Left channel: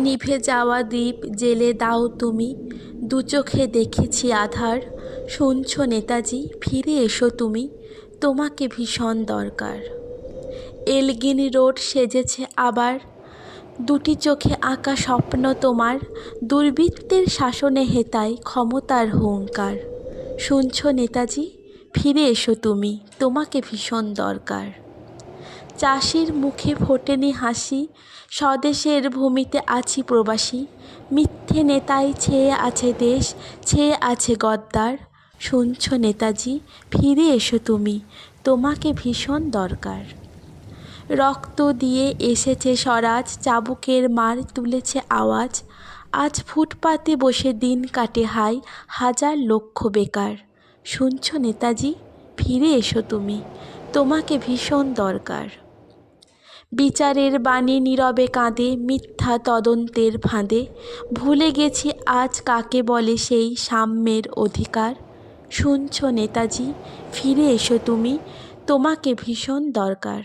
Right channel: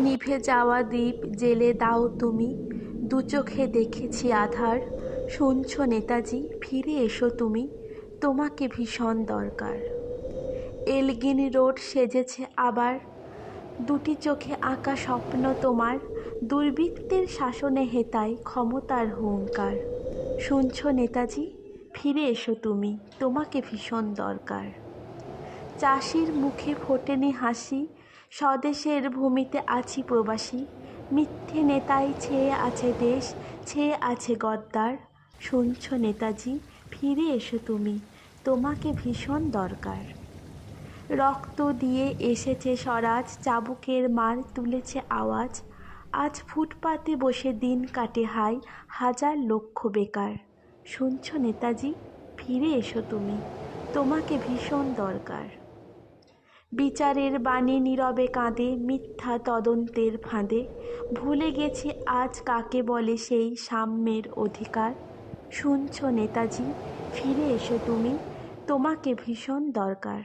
নিভে যাওয়া দ্বীপ জেলে দাও তুমি, দু চোখে দেখেছি আধার। শুনছো নেতাজি, ফিরে এসো তুমি, তোমাকে ভীষণ দরকার। এলগিন রোড সেজেছে আবার, দুটি চোখে আঁকা স্বপ্ন তোমার। দুর্বৃত্তের শাসনে হেতায় ক্ষমতার হুঙ্কার। শুনছো নেতাজি, ফিরে এসো তুমি, তোমাকে ভীষণ দরকার। চাষির মুখে ফোটেনি হাসি, স্বদেশের ভূমিতে আছি প্রবাসী। মিথ্যে নেতায় ছেয়ে আছে দেশ, ছেয়ে আছে গদ্দার। শুনছো নেতাজি, ফিরে এসো তুমি, তোমাকে ভীষণ দরকার। রক্ত দিয়ে এসেছে স্বরাজ, চাবুকের মার তুলেছে আওয়াজ। আজ ফুটপাতে বসে দিন কাটে হায় হাজার লক্ষ বেকার। শুনছো নেতাজি, ফিরে এসো তুমি, তোমাকে ভীষণ দরকার। বিচারের বাণী নীরবে কাঁদে মিথ্যা তদন্তের ফাঁদে। ভুলে গেছি আজ কাকে বলে সেই সাম্যের অধিকার। শুনছো নেতাজি, ফিরে এসো তুমি, তোমাকে ভীষণ দরকার।